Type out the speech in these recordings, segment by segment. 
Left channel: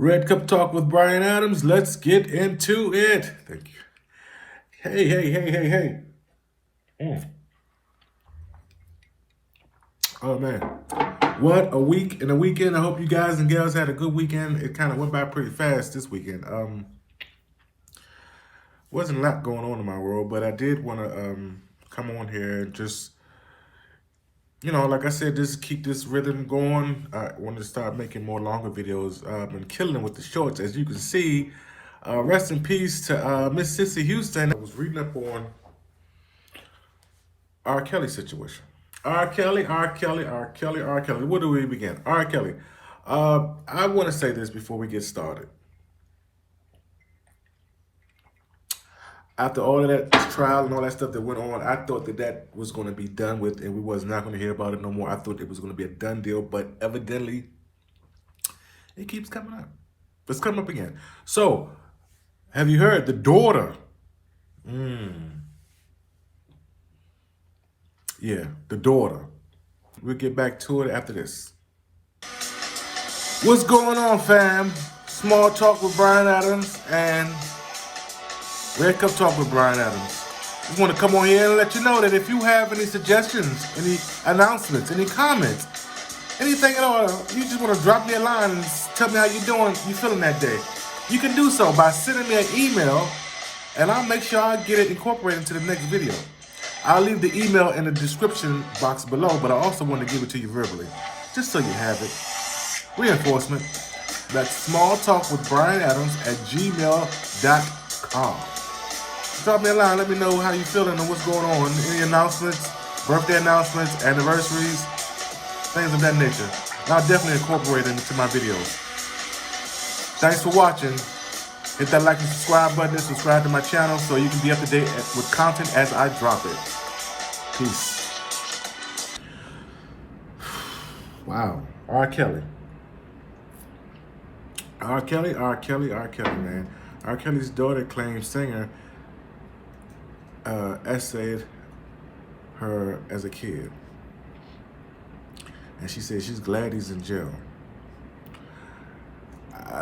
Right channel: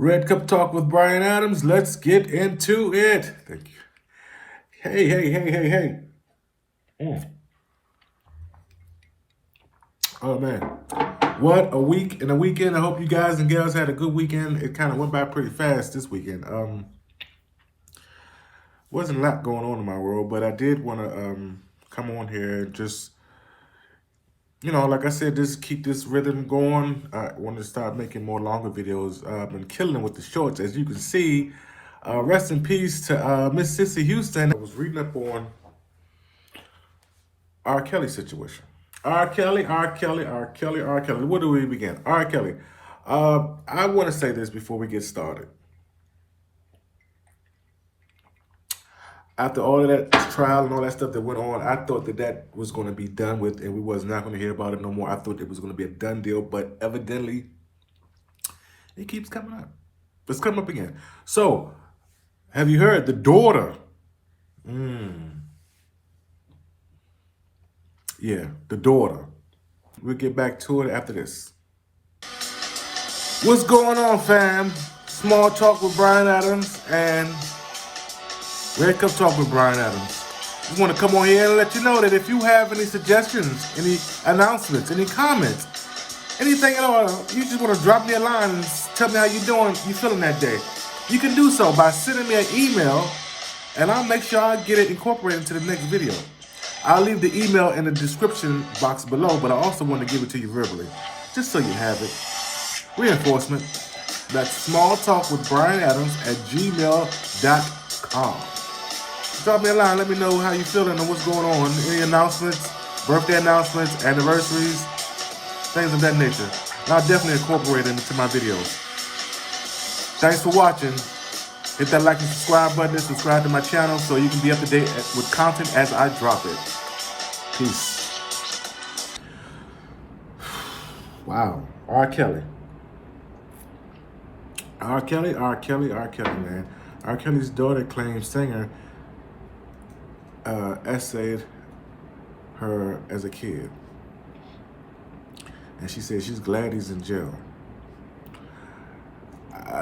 Red Cup Talk with Brian Adams. Let's get into it. Thank you. Hey. Mm. Oh, man. What a week and a weekend. I hope you guys and gals had a good weekend. It kind of went by pretty fast this weekend. Wasn't a lot going on in my world, but I did want to come on here and just, like I said, just keep this rhythm going. I want to start making more longer videos. I've been killing it with the shorts, as you can see. Rest in peace to Miss Sissy Houston. I was reading up on R. Kelly situation. R. Kelly. Where do we begin? R. Kelly. I want to say this before we get started. After all of that trial and all that stuff that went on, I thought that was going to be done with and we was not going to hear about it no more. I thought it was going to be a done deal, but evidently it keeps coming up. It's coming up again. So, have you heard the daughter? Yeah, the daughter. We'll get back to it after this. What's going on, fam? Small Talk with Brian Adams and Red Cup Talk with Brian Adams. Just want to come on here and let you know that if you have any suggestions, any announcements, any comments, anything at all, you just want to drop me a line and tell me how you feeling that day. You can do so by sending me an email, and I'll make sure I get it incorporated into the next video. I'll leave the email in the description box below, but I also want to give it to you verbally, just so you have it. Reinforcement. That's smalltalkwithbrianadams@gmail.com. Drop me a line. Let me know how you feeling and what's going on. Any announcements, birthday announcements, anniversaries, things of that nature. And I'll definitely incorporate it into my videos. Thanks for watching. Hit that like and subscribe button and subscribe to my channel so you can be up to date with content as I drop it. Peace. Wow. R. Kelly, man. R. Kelly's daughter claims singer essayed her as a kid. And she said she's glad he's in jail.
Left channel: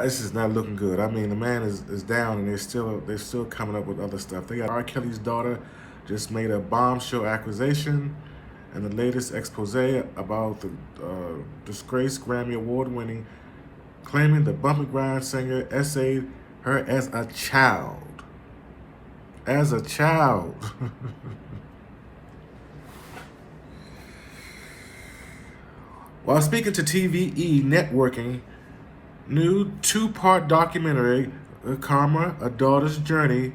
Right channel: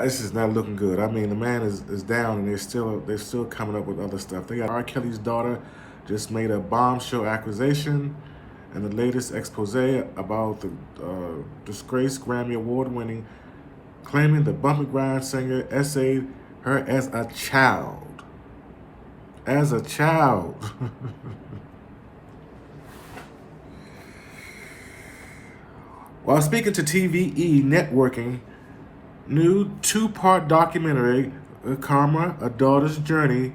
This is not looking good. I mean, the man is down, and they're still coming up with other stuff. They got R. Kelly's daughter just made a bombshell accusation in the latest expose about the disgraced Grammy Award-winning, claiming the bump and grind singer essayed her as a child. As a child. While speaking to TVE Networking, new two-part documentary, Karma, A Daughter's Journey,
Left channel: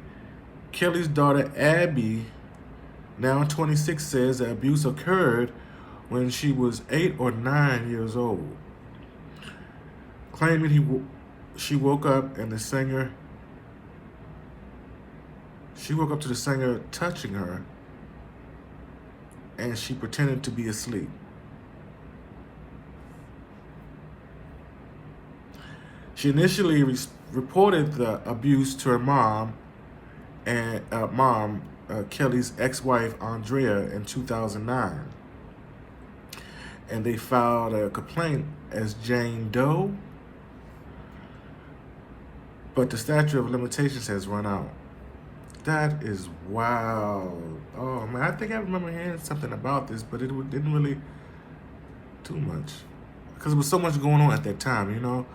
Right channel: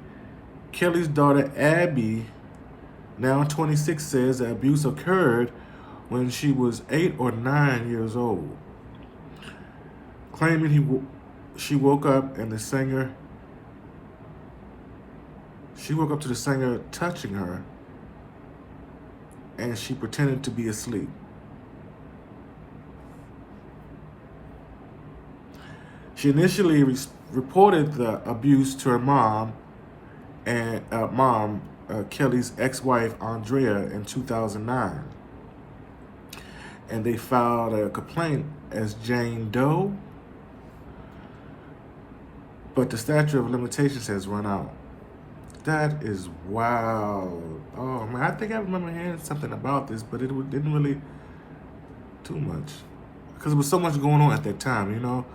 Kelly's daughter Abby, now 26, says the abuse occurred when she was 8 or 9 years old, claiming she woke up to the singer touching her, and she pretended to be asleep. She initially reported the abuse to her mom, Kelly's ex-wife Andrea, in 2009, and they filed a complaint as Jane Doe, but the statute of limitations has run out. That is wild. Oh man, I think I remember hearing something about this, but it didn't really too much because there was so much going on at that time,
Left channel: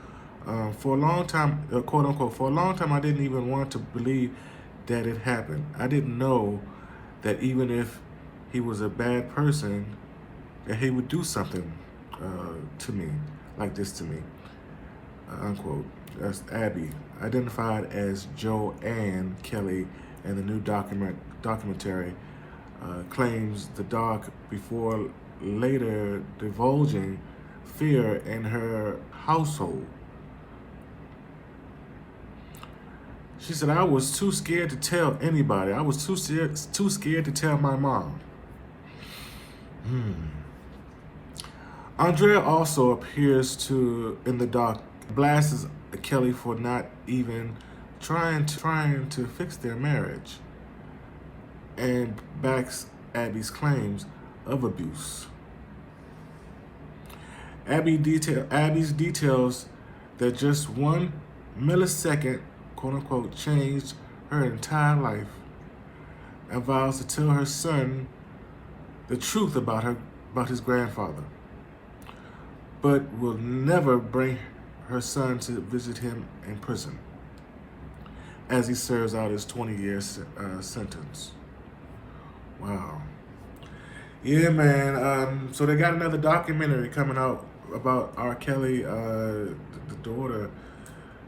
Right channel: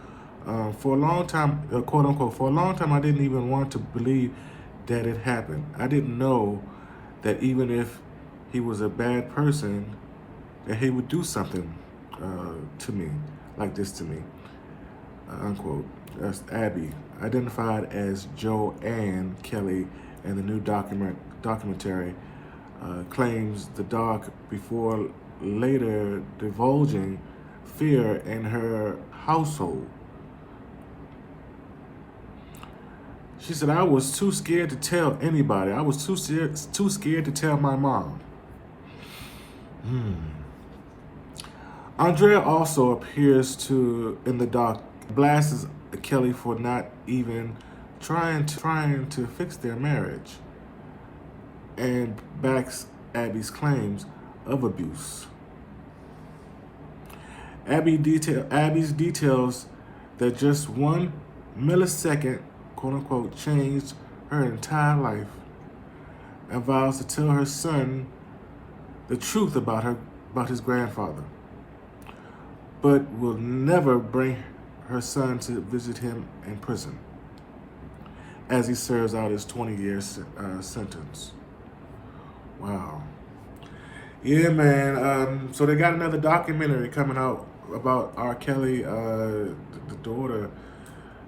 For a long time, quote unquote, for a long time, I didn't even want to believe that it happened. I didn't know that even if he was a bad person, that he would do something to me, like this to me, unquote. That's Abby, identified as Joanne Kelly in the new documentary, claims the doc before later divulging fear in her household. She said, I was too scared to tell anybody. I was too scared to tell my mom. Andrea also appears in the doc, blasts Kelly for not even trying to fix their marriage, and backs Abby's claims of abuse. Abby details that just 1 millisecond, quote unquote, changed her entire life, and vows to tell her son the truth about his grandfather, but will never bring her son to visit him in prison as he serves out his 20-year sentence. Wow. Yeah, man. So they got another documentary coming out about R. Kelly. The daughter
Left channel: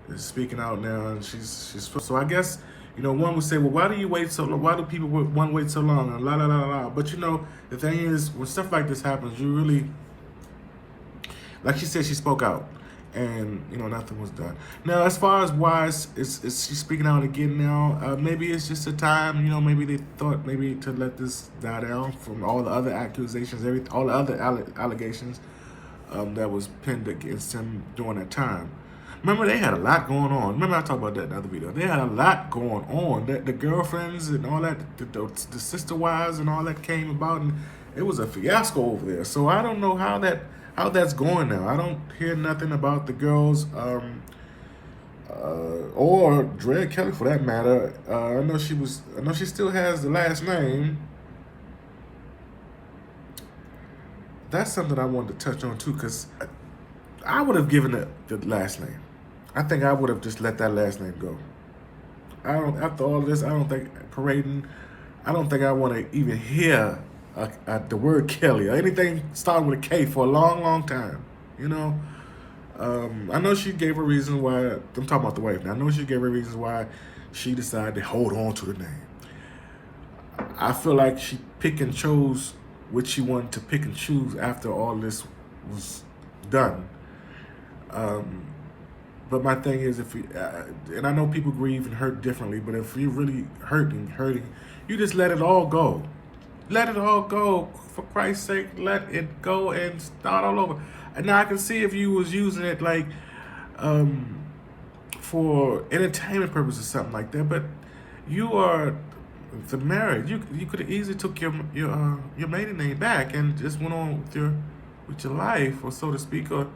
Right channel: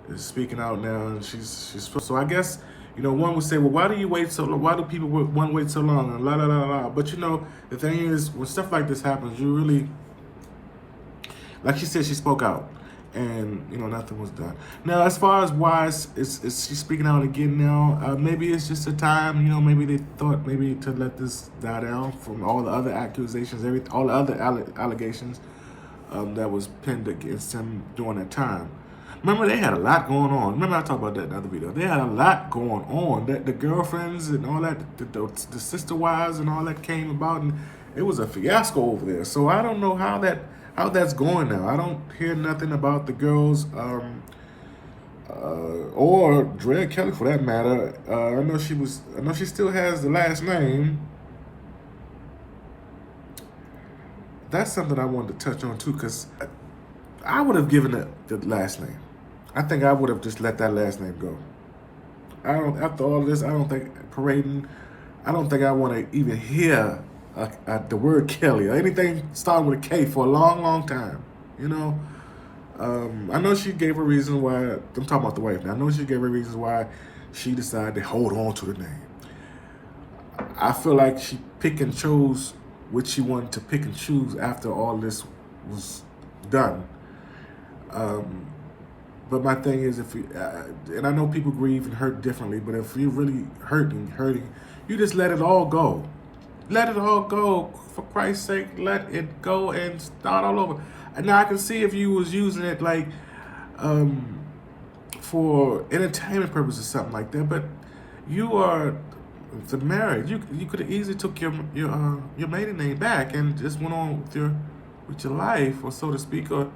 is speaking out now, and she's. So I guess, one would say, well, why do you wait so long? Why do people want to wait so long? And la la la la. But the thing is, when stuff like this happens, you really, like she said, she spoke out, and nothing was done. Now, as far as why is she speaking out again now? Maybe it's just a time. Maybe they thought maybe to let this die down from all the other accusations, all the other allegations that was pinned against him during that time. Remember, they had a lot going on. Remember, I talked about that in another video. They had a lot going on. The girlfriends and all that, the sister wives and all that came about, and it was a fiasco over there. So I don't know how that's going now. I don't hear nothing about the girls or Drea Kelly for that matter. I know she still has the last name. That's something I wanted to touch on too, because I would have given it the last name. I think I would have just let that last name go. After all of this, I don't think parading. I don't think I want to even hear the word Kelly or anything starting with a K for a long, long time. I know she gave a reason why. I'm talking about the wife now. I know she gave a reason why she decided to hold on to the name. I feel like she picked and chose what she wanted to pick and choose after all this was done. But my thing is, and I know people grieve and hurt differently, but if you're really hurting, you just let it all go. Let it all go. For Christ's sake, let it go and start all over. And now I can see if you was using it like for entertainment purposes or something like that, but you are the marriage. You could have easily took your maiden name back and just went on with your life, or so to speak. Or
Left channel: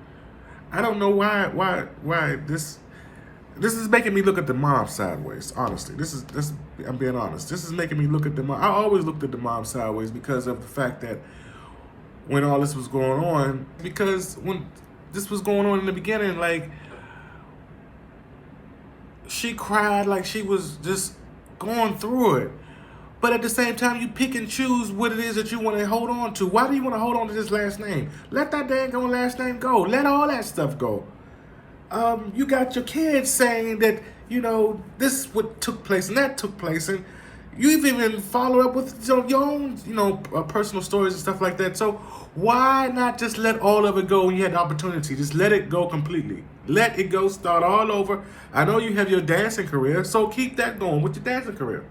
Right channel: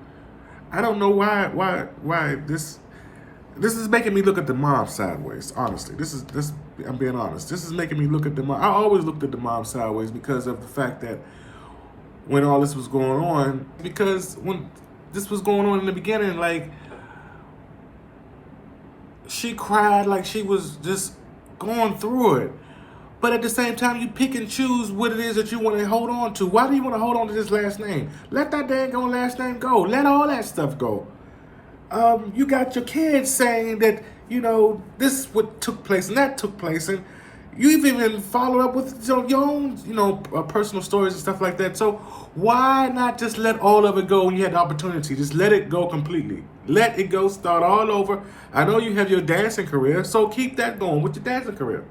I don't know why this is making me look at the mom sideways. Honestly, I'm being honest. This is making me look at the mom. I always looked at the mom sideways because of the fact that when all this was going on, because when this was going on in the beginning, like, she cried like she was just going through it. But at the same time, you pick and choose what it is that you want to hold on to. Why do you want to hold on to this last name? Let that dang last name go. Let all that stuff go. You got your kids saying that, this is what took place and that took place. And you've even followed up with your own, personal stories and stuff like that. So why not just let all of it go when you had the opportunity? Just let it go completely. Let it go, start all over. I know you have your dancing career, so keep that going with your dancing career.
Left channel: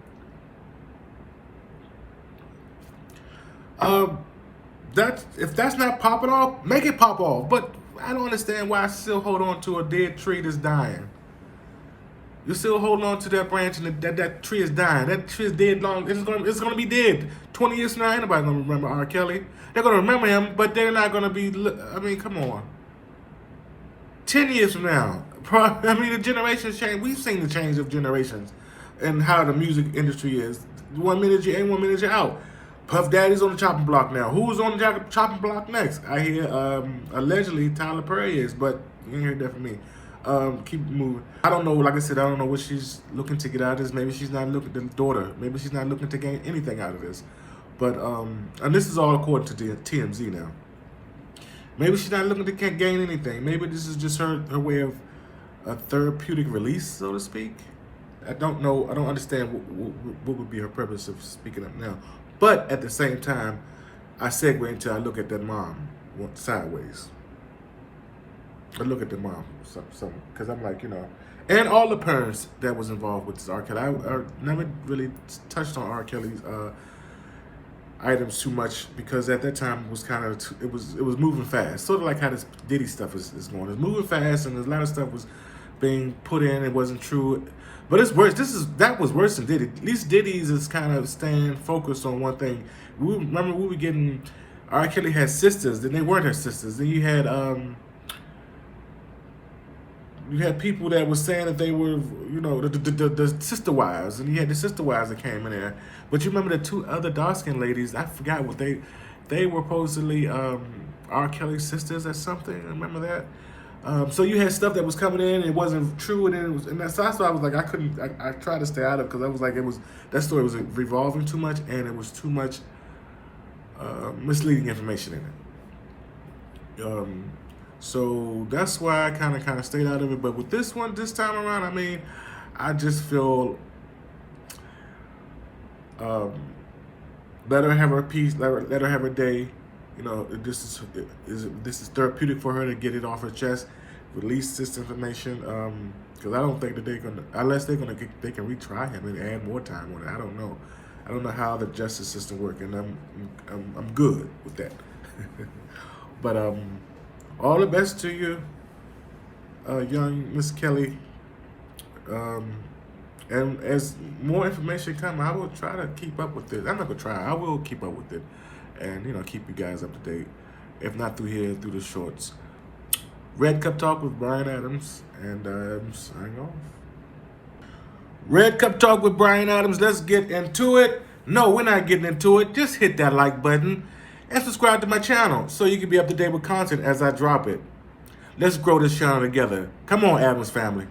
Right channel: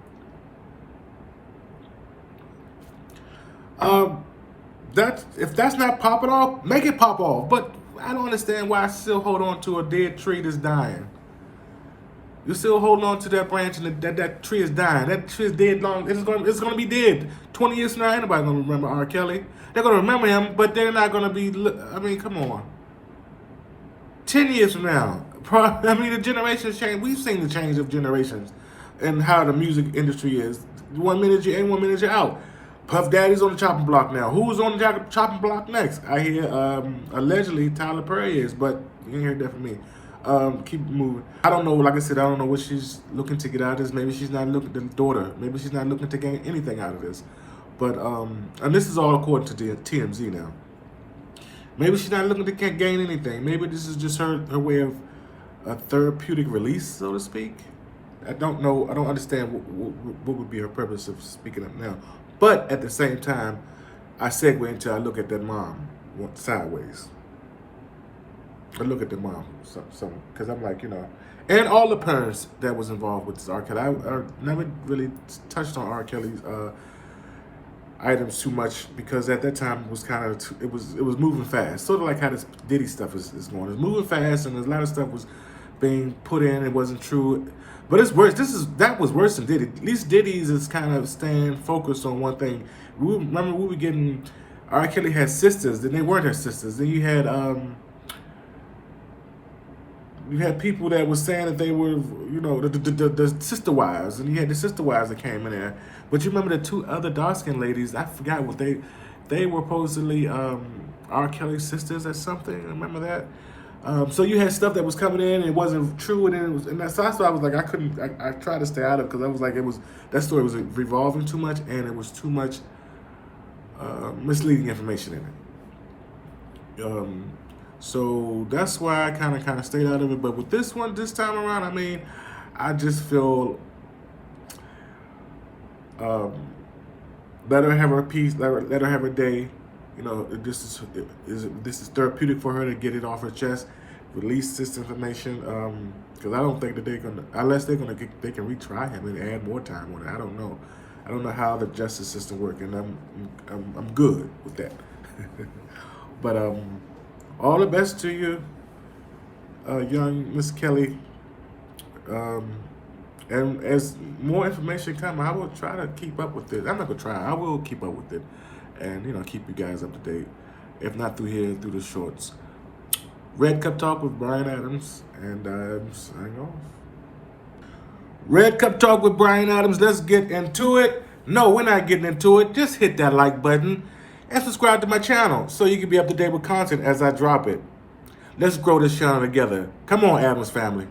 If that's not popping off, make it pop off. But I don't understand why I still hold on to a dead tree that's dying. You're still holding on to that branch, and that tree is dying. That tree is dead long. It's gonna be dead. 20 years from now, ain't nobody gonna remember R. Kelly. They're gonna remember him, but they're not gonna be. I mean, come on. 10 years from now, the generations change. We've seen the change of generations and how the music industry is. 1 minute you're in, 1 minute you're out. Puff Daddy's on the chopping block now. Who's on the chopping block next? I hear allegedly Tyler Perry is, but you ain't heard that from me. Keep moving. I don't know. Like I said, I don't know what she's looking to get out of this. Maybe she's not looking, the daughter. Maybe she's not looking to gain anything out of this. But and this is all according to the TMZ now. Maybe she's not looking to gain anything. Maybe this is just her way of a therapeutic release, so to speak. I don't know. I don't understand what would be her purpose of speaking up now. But at the same time, I segue into I look at that mom sideways. I look at the mom, because I'm like, and all the parents that was involved with this R. Kelly. I never really touched on R. Kelly's items too much, because at that time it was kind of it was moving fast, sort of like how this Diddy stuff is going. It's moving fast, and a lot of stuff was being put in. It wasn't true. But it's worse. That was worse than Diddy. At least Diddy's is kind of staying focused on one thing. Remember, we were getting R. Kelly had sisters, then they weren't her sisters. Then you had You had people that were saying that they were, you know, the sister wives, and you had the sister wives that came in there. But you remember the two other dark skinned ladies? I forgot what they were supposedly R. Kelly's sisters or something. Remember that? So you had stuff that was coming in, and it wasn't true, and so that's why I was like, I tried to stay out of it, because I was like, that story was revolving too much, and it was too much misleading information in it. So that's why I kind of stayed out of it. But with this time around, I mean, I just feel let her have her peace, let her have her day. You know, this is therapeutic for her to get it off her chest, release this information. Because I don't think that unless they can retry him and add more time on it. I don't know. I don't know how the justice system works, and I'm good with that. But all the best to you, young Miss Kelly. And as more information comes, I will try to keep up with it. I'm not gonna try. I will keep up with it, and keep you guys up to date. If not through here, through the shorts. Red Cup Talk with Brian Adams, and I'm signing off. Red Cup Talk with Brian Adams. Let's get into it. No, we're not getting into it. Just hit that like button and subscribe to my channel so you can be up to date with content as I drop it. Let's grow this channel together. Come on, Adams family.